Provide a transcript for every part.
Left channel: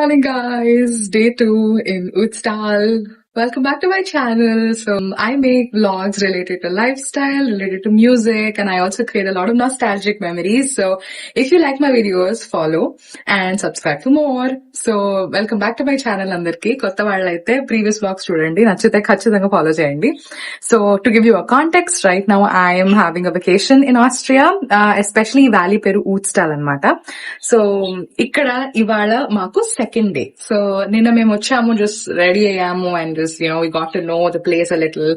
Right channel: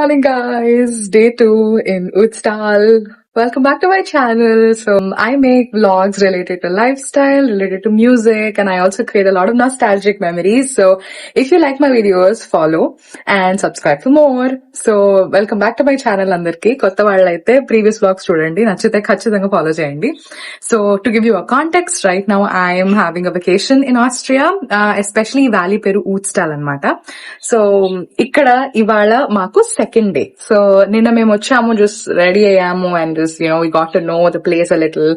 morning, guys. Day 2 in Ötztal. Welcome back to my channel. So I make vlogs related to lifestyle, related to music, and I also create a lot of nostalgic memories. So if you like my videos, follow and subscribe for more. So welcome back to my channel, Andhariki. Kotta vallaithe previous vlogs chudandi, nachithe khachithanga follow cheyandi. So to give you a context, right now I am having a vacation in Austria, especially valley peru Ötztal anamata. So ikkada ivala maku second day. So ninna mem vachamu, just ready ayyamu and just, we got to know the place a little.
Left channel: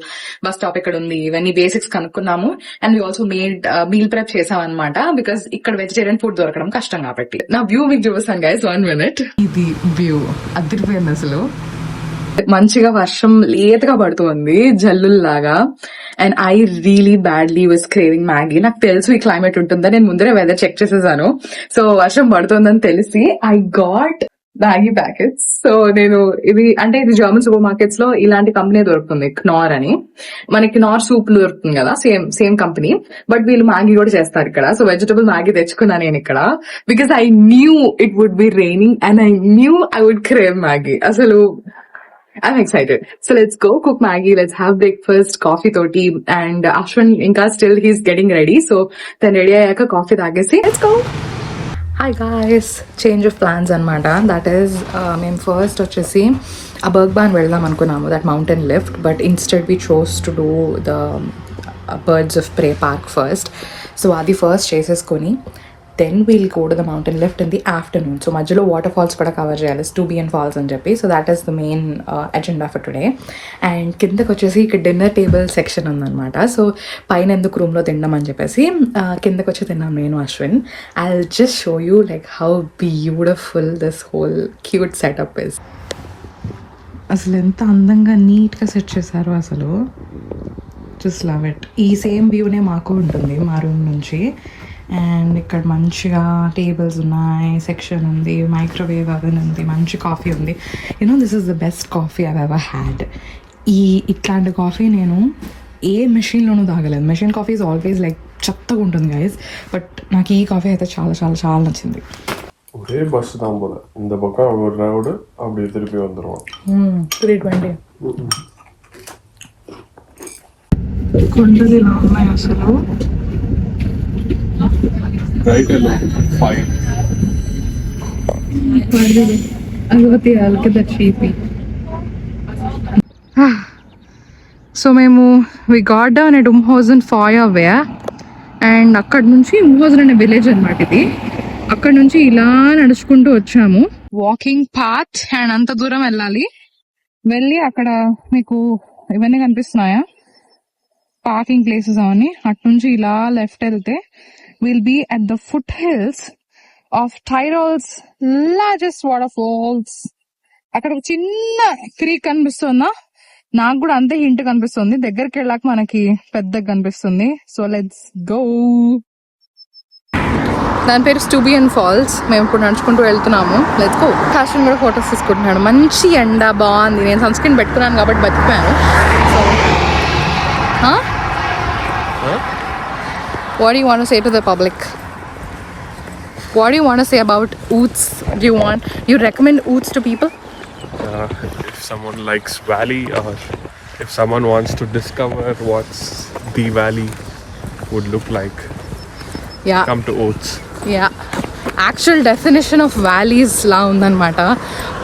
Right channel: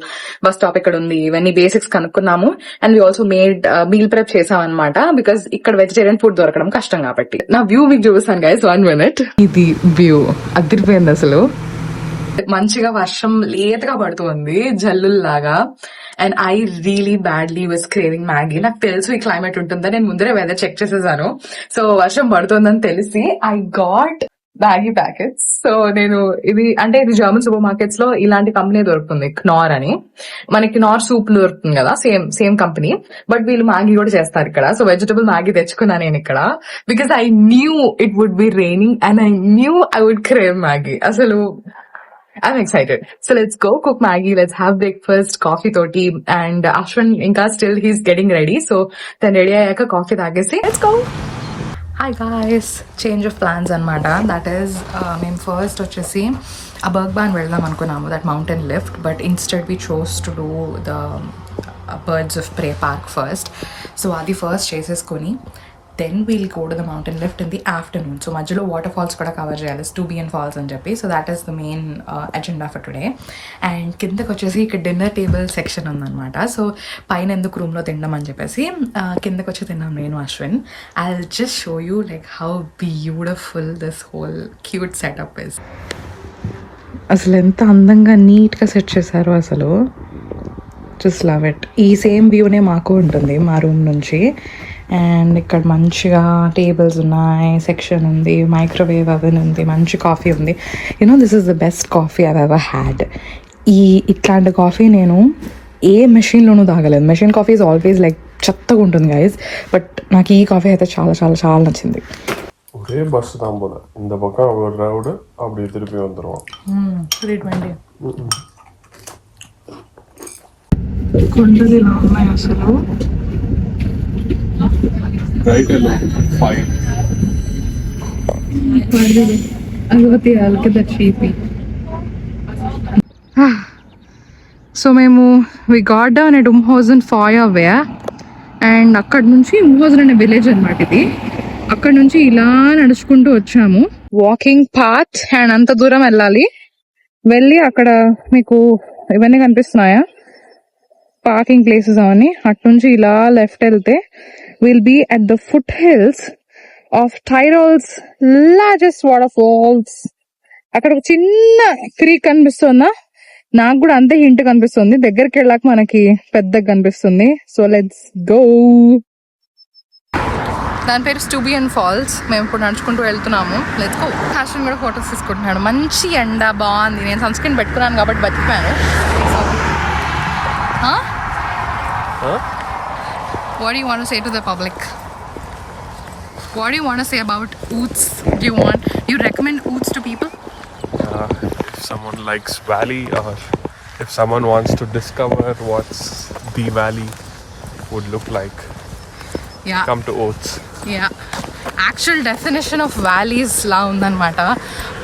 Bus stop ikkada undi, ivanni basics kanukunnamu, and we also made meal prep chesam anamata because ikkada vegetarian food dorakadam kashtam kabatti. Na view meeku chuvistanu guys, 1 minute. Idi view adiripoyindi asalu. మంచిగా వర్షం లేతగా పడుతుంది జల్లుల్లాగా. And I really badly was craving Maggi. నాకు తెలుసు ఈ క్లైమేట్ ఉంటుందని, నేను ముందరే వెదర్ చెక్ చేసేసాను. సో వర్షం పడుతుందని తెలిసి I got Maggi packets. So నేను ఇది జర్మన్ సూపర్ మార్కెట్స్ లో ఇలాంటి కంపెనీ దొరుకుతుంది, క్నార్ అని. మనకి నార్ సూప్ దొరుకుతుంది కదా, సేమ్ కంపెనీ, బట్ వీళ్ళు మ్యాగీ కూడా చేస్తారు ఇక్కడ. సో వెజిటబుల్ మ్యాగీ తెచ్చుకున్నా నేను ఇక్కడ because I knew it would be raining and I knew I would crave Maggi. అసలు I'm excited. So let's go cook Maggie. Let's have breakfast, coffee toti, and Ashwin inka still he's getting ready. So then ready ayaka coffee tagesi. Let's go. Hi guys, change of plans anamata. That is, మేము first వచ్చేసి a Bergban వెళ్దాం అనుకున్నాము, that mountain lift, but instead we chose to do the Birds of Prey park first. So అది first చేసేసుకొని then we'll go to the mountain lift in the afternoon. So majhilo waterfalls kuda cover cheyali, Stuiben Falls అని చెప్పి. So that is the main agenda for today. And కిందకి వచ్చేసి ఇక్కడ dinner table section ఉందన్నమాట. సో పైన ఎందుకు రూమ్ లో తిందాం అని చెప్పేసి కిందకి వచ్చి తిన్నాం నేను Ashwin. I'll just show you like how beautiful this whole cute setup is. అసలు ఎంత అందంగా నీట్ గా సెట్ చేశారో అసలు. Just love it. ఈ సేమ్ వ్యూనే మాకు ఉంటుంది మా రూమ్ నుంచి. అండ్ ఇక్కడ మంచిగా టేబుల్స్ ఉన్నాయి, సెక్షన్ ఉంది, మైక్రోవేవ్ అవెన్ ఉంది, మంచి కాఫీ ఉంది. This is the best coffee I've ever had. ఇట్లాంటి కాఫీ నేను ఏ మెషిన్లోనూ తాగలేదు. Machine coffee is always like చెత్తగా ఉంటుంది గైస్, బట్ నాకు ఈ కాఫీ అయితే చాలా చాలా చాలా నచ్చింది. ஒரே பஸ் தான் போல, இந்த பக்கம் ஒரு ரவுண்டு அப்படியே திருப்பி வந்துடுவோம். 320 కొండలు ఇలా ఉన్నాయి అసలు. Right along 5. సో మేము we got down at Umhausen ఫాయర్ వే, అండ్ అక్కడ నుంచి Umhausen అనే విలేజ్ అనమాట ఇది. అక్కడ నుంచి ఇలా నడుచుకుంటూ వచ్చాము, వాకింగ్ పాత్. అండ్ అంత దూరం వెళ్ళి అక్కడ మీకు ఇవన్నీ కనిపిస్తున్నాయా, పార్కింగ్ ప్లేసెస్ అవన్నీ. అటు నుంచి ఇలా లెఫ్ట్ వెళ్తే we'll be at the foothills of Tyrol's largest waterfalls. అక్కడ ఒక చిన్న క్రీక్ కనిపిస్తుందా, నాకు కూడా అంతే హింట్ కనిపిస్తుంది. దగ్గరికి వెళ్ళాక మనకి పెద్దగా కనిపిస్తుంది. So let's go. దాని పేరు స్టూబియన్ ఫాల్స్. మేము ఇప్పుడు నడుచుకుంటూ వెళ్తున్నాము. Let's go. ఫ్యాషన్ కూడా ఫొటోస్ తీసుకుంటున్నాడు. మంచి ఎండ, బాగుంది. నేను సన్ స్క్రీన్ పెట్టుకున్నాను కాబట్టి బతికిపోయాను. So what do you want to say to the public? What do you want to say about Ötz? You recommend Ötz to people? If someone likes valley, or if someone wants to discover what's the valley would look like, yeah, come to Ötz. Yeah, actual definition of valleys la undanamata.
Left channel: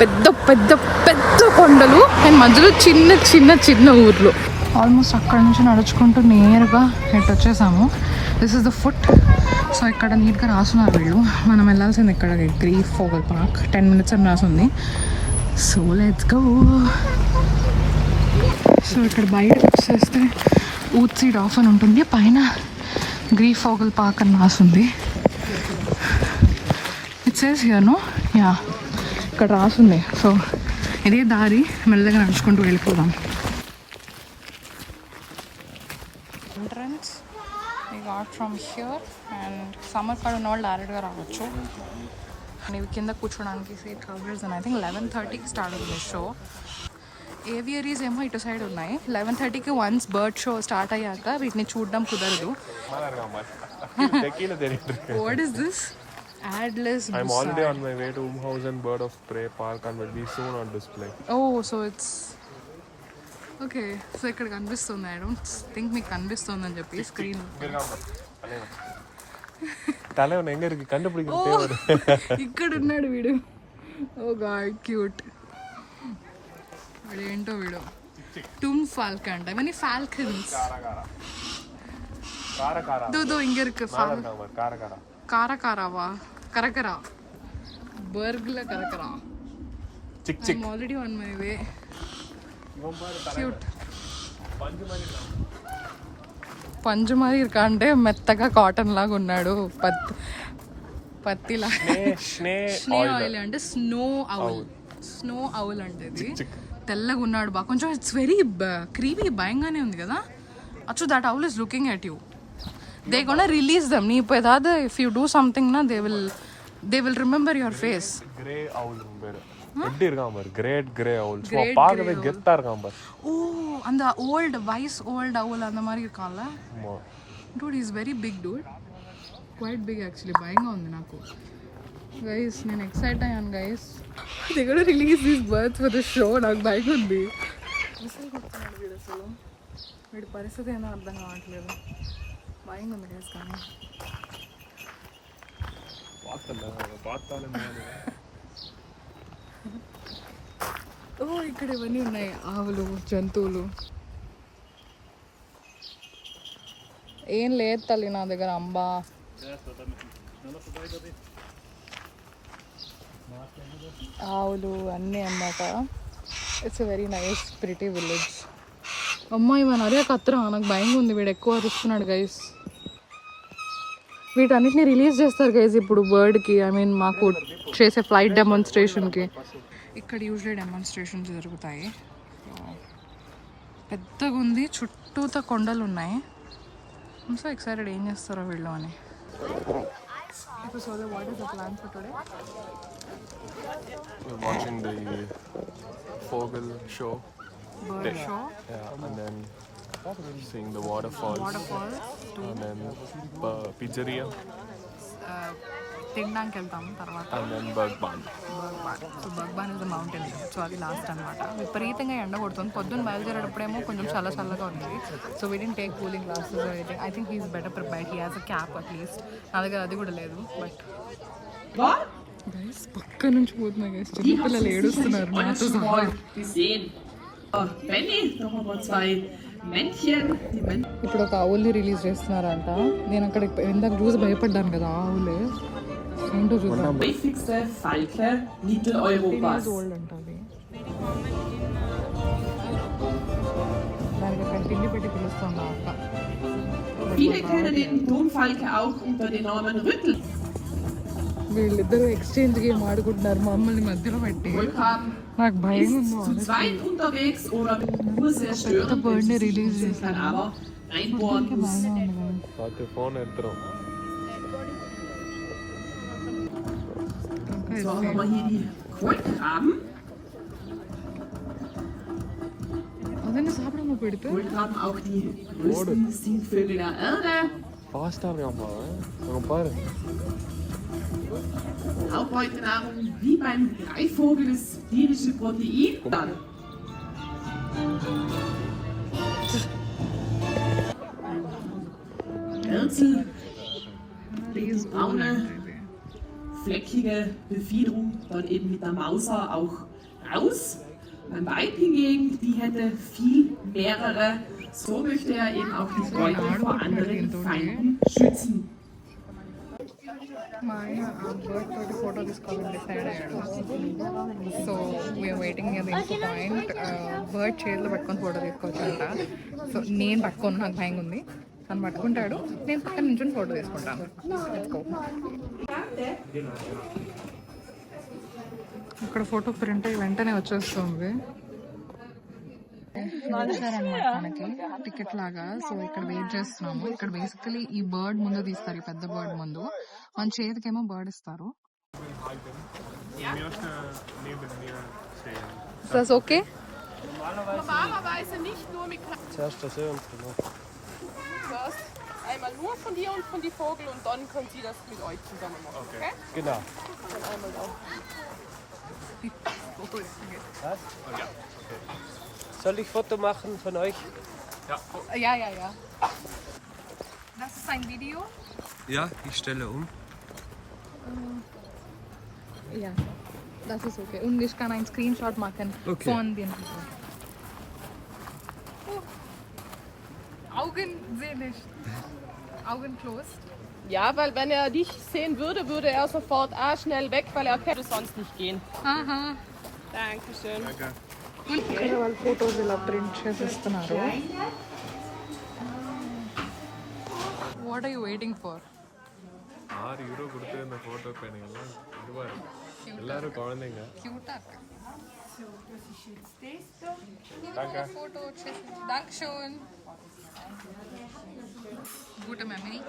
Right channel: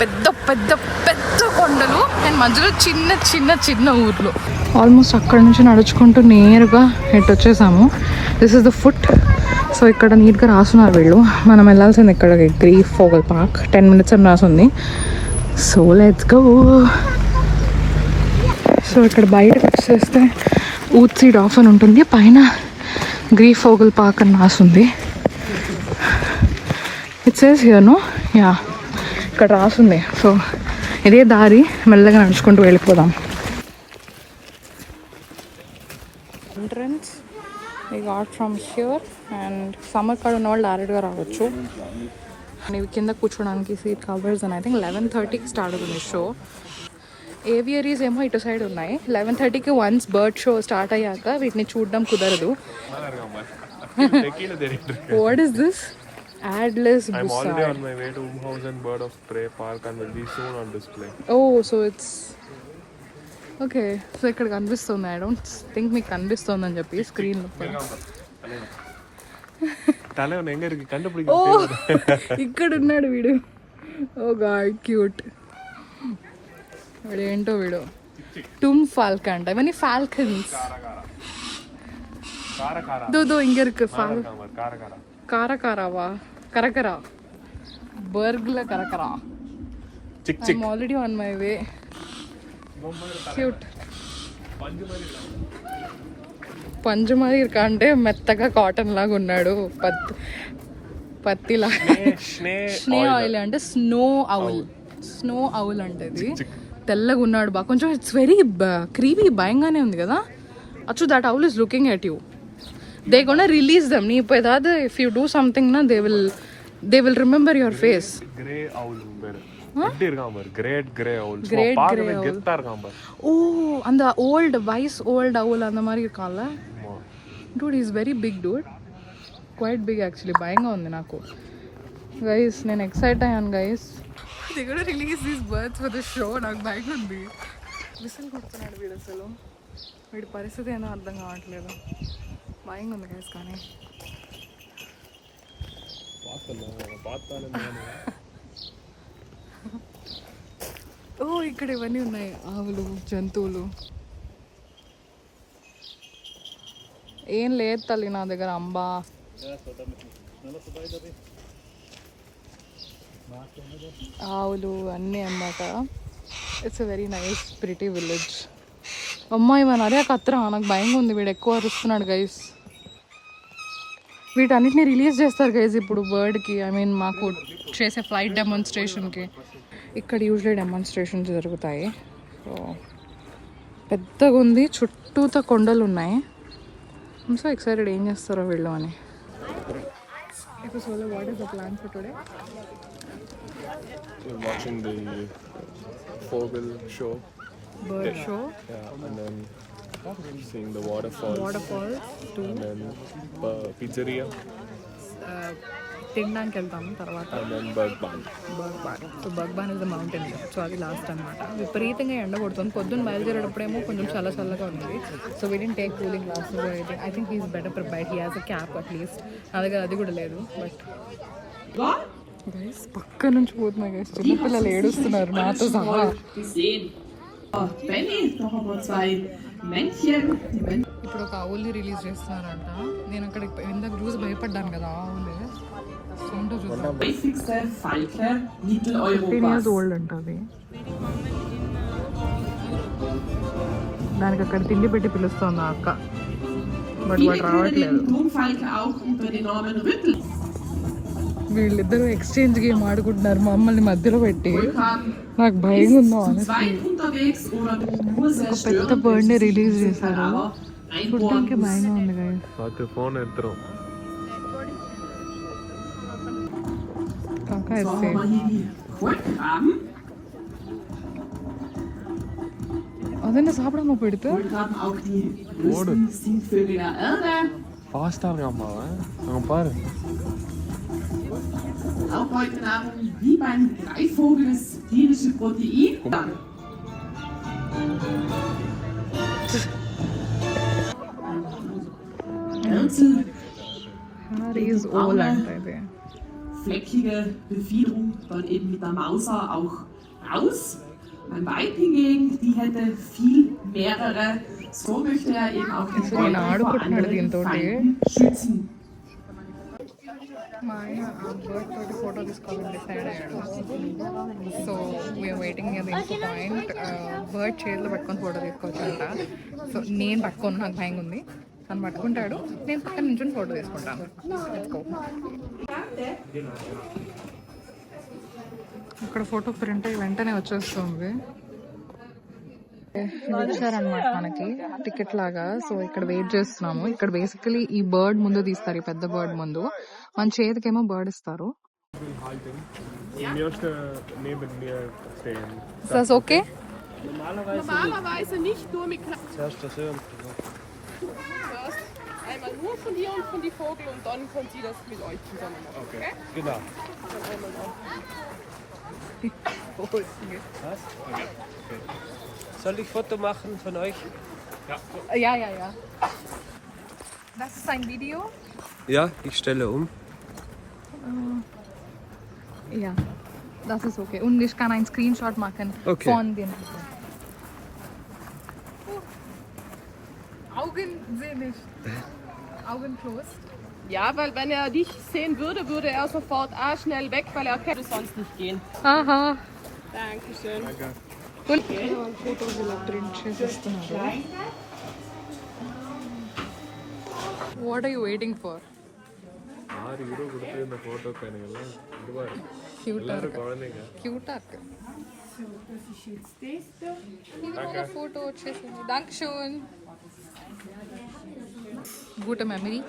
పెద్ద పెద్ద పెద్ద కొండలు అండ్ మధ్యలో చిన్న చిన్న చిన్న ఊర్లు. ఆల్మోస్ట్ అక్కడ నుంచి నడుచుకుంటూ నేరుగా ఇటు వచ్చేసాము. This is the foot. So ఇక్కడ నీట్గా రాస్తున్నారు వీళ్ళు. మనం వెళ్ళాల్సింది ఇక్కడ గ్రీఫ్ ఫోగల్ పార్క్, 10 minutes అని రాసింది. So let's go. సో ఇక్కడ బయటకు వచ్చేస్తే ఊత్ సీడ్ ఆఫ్ అని ఉంటుంది, పైన గ్రీఫ్ ఫోగల్ పార్క్ అని రాసింది. It says here no, yeah ఇక్కడ రాసింది. సో ఇదే దారి, మెల్లగా నడుచుకుంటూ వెళ్ళిపోదాం. Entrance we got from here, and summer card ఉన్న వాళ్ళు డైరెక్ట్గా రావచ్చు. ఇవి కింద కూర్చోడానికి సీట్ కవర్స్ అని ఐ థింక్ 11:30కి స్టార్ట్ అవుతుంది షో. ఏవియరీస్ ఏమో ఇటు సైడ్ ఉన్నాయి. 11:30కి వన్స్ బర్డ్ షో స్టార్ట్ అయ్యాక వీటిని చూడడం కుదరదు. What is this? Atlas I'm already bussard. on my way to Umhausen Bird of Prey Park and will be soon on display. Oh, so it's okay. So ఇక్కడ కనిపిస్తుంది. I don't think మీకు కనిపిస్తుంది అని చెప్పి స్క్రీన్ తలవన ఎங்க இருக்கு ఓ கண்டுபிடிக்க ఇక్కడ ఉన్నాడు వీడు. ఓ గాడ్ క్యూట్. వీడు ఏంటో వీడు டும் ஃபால்கன் అంట. ఇవన్నీ ఫాల్కన్స్. దో இங்க இருக்கு ஃபால் కారకారావా కరకరా బర్గ్ల కరకరా. I'm already on my way. Cute. పంజుమరి ఇరుకా అంటే మెత్తగా కాటన్ లాగా ఉన్నాడు. పత్తిలా. స్నే ఆయిల్ అంటే స్నో అవుల్ అంటే ఇది తెల్లగా ఉన్నాడు బాగా. కొంచెం ఇట్స్ వెరీ క్రీపీ, భయంగానే ఉంది కదా. అచ్చు that owl is looking at you. They gonna release them. నీ ఇప్పుడు ఏదాదు ఇఫ్ యూ డూ సంథింగ్ నా they will remember your face. ஓ அந்த வைஸ் ஓல்ட் அவுல் அந்த மாதிரி இருக்கான்ல. Dude is very big dude, quite big actually. భయంగా ఉంది నాకు గైస్. నేను ఎక్సైట్ అయ్యాను గైస్. దే కూడా release these birds for the show. నాకు భయం ఉంది. విసిల్ కొడుతున్నాడు వీడు. అసలు వీడి పరిస్థితి ఏమో అర్థం కావట్లేదు. భయంగా ఉంది గైస్. కానీ ఓ ఇక్కడ ఇవన్నీ ఉన్నాయి, ఆవులు, జంతువులు. ఏం లేదు తల్లి నా దగ్గర అంబా. ఆవులు అన్నీ అన్నమాట. It's a very nice pretty village. అమ్మాయి మన అరే కత్రా. నాకు భయంగా ఉంది. వీడు ఎక్కువ అరుస్తున్నాడు గైస్. వీటన్నిటిని రిలీజ్ చేస్తారు గైస్ ఇప్పుడు బర్డ్కి. ఐ మీన్ మాకు చేసే ఫ్లైట్ డెమాన్స్ట్రేషన్కి. ఇక్కడ యూజువల్లీ డెమాన్స్ట్రేషన్స్ జరుగుతాయి. సో పెద్దగా ఉంది, చుట్టూతో కొండలు ఉన్నాయి. సో ఎక్సైటెడ్ ఏం చేస్తారో వీళ్ళు అని. ఇప్పుడు so what is the plan for today? We're watching the Vogel show. Bird show. Yeah, and then seeing the waterfalls. Too. And then pizzeria. తినడానికి వెళ్తాము తర్వాత. And then Bergbahn. So Bergbahn is the mountain. So అది last అనమాట. విపరీతంగా ఎండ కొడుతుంది. పొద్దున్న బయలుదేరేటప్పుడేమో కొంచెం చల్లగా ఉంది. So we didn't take cooling glasses or anything. I think he is better prepared. He has a cap at least. నా దగ్గర అది కూడా లేదు. బట్ గైస్ పక్క నుంచి పోతున్నాయి గైస్. చిన్నపిల్లలు ఏడుస్తున్నారు నాతో సహా. ఇప్పుడు ఒక ఆవుల్ని రిలీజ్ చేస్తున్నారంట. నేను అక్కడ ఇందాక చూసి భయపడ్డాను కదా. ఆవులే ఏంటో చూద్దాం. ఓల్డ్ అంట అది. దానికి అక్కడ తిండి పెట్టి పిలుస్తుంది అక్క. వీళ్ళిద్దరు ఎక్స్చేంజ్ గేమ్ ఆడుకుంటున్నారు మమ్మల్ని మధ్యలో పెట్టి. నాకు భయం ఉందా. పెద్ద బర్డ్ ని రిలీజ్ చేశారు. చూడడానికి భయం ఉంది. అదన్నా సాపడమ్మా పెడితే Auch heute Nahrung wie beim Greifvogel das tierische Protein. Fleckige Befiederung dann eben mit der Mauser auch raus. Beim Weib hingegen, die hätte viel mehrere. So möchte er eben auch den Beutel vor anderen Feinden schützen. మా ఆయన బర్డ్ తోటి ఫోటో తీసుకోవాలని డిసైడ్ అయ్యాడు. So we are waiting అది ఇంకో point. Bird చేతిలో పట్టుకొని ఫోటో తీసుకోవచ్చు అంట. సో నేను పట్టుకోను, నాకు భయంగా ఉంది. తను పట్టుకుంటాడు, నేను పక్కన నుంచి ఫోటో తీసుకుంటాను. ఇక్కడ ఫోటో ప్రింట్ అయ్యి వెంటనే వచ్చేస్తుంది. ఇచ్చారనమాట మనకి టికెట్ లాగా. సో ఇక్కడ వెయిట్ చేస్తున్నాము. ఇక్కడ బేసికలీ ఈ బర్డ్ ముందు తీస్తారు, ఈ పెద్ద బర్డ్ ముందు. మన చేతికేమో బర్డ్ ఇస్తారు. Okay Normalerweise nicht nur mit nur von dir und von die Vogel und dann könnt ihr das mit euch zusammen machen. Okay? Genau. Dann einmal auf. Was? Okay. Soll ich Foto machen von euch? Ja, ja, ja. Das ist ein Video? Ja, ich stelle um. Ja, das ist okay. Und ich kann einen Screenshot machen Okay. von dem Video. Augen sehen nicht. Augen closed. Ja, weil wenn er dich sehen würde, würde er sofort schnell weg, weil er kennt sonst nicht gehen. ఆహా Dankeschön. ఇక్కడ వాళ్ళు photos ఇలా print చేసిస్తున్నారు. What are you waiting for? €6 கொடுத்து இந்த photo பையனுங்கெல்லாம் இதுவாக இருக்கு. எல்லாரும் குழந்தைங்க. Cute art. ఇది మన ఫోటో వచ్చేసింది. డాంక్షోన్. Gute memory.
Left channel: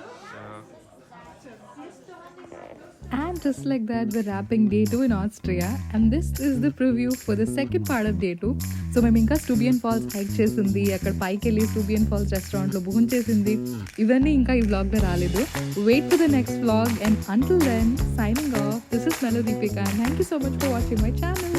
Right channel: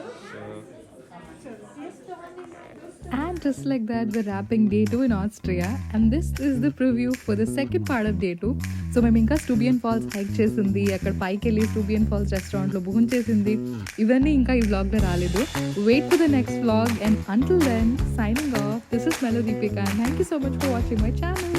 And just like that, we're wrapping day 2 in Austria, and this is the preview for the second part of day 2. So మేము ఇంకా Stuiben Falls హైక్ చేసింది, అక్కడ పైకి వెళ్ళి Stuiben Falls రెస్టారెంట్లో భోజనం చేసింది, ఇవన్నీ ఇంకా ఈ వ్లాగ్లో రాలేదు. Wait for the next vlog, and until then, signing off. This is Meeru and thank you so much for watching my channel.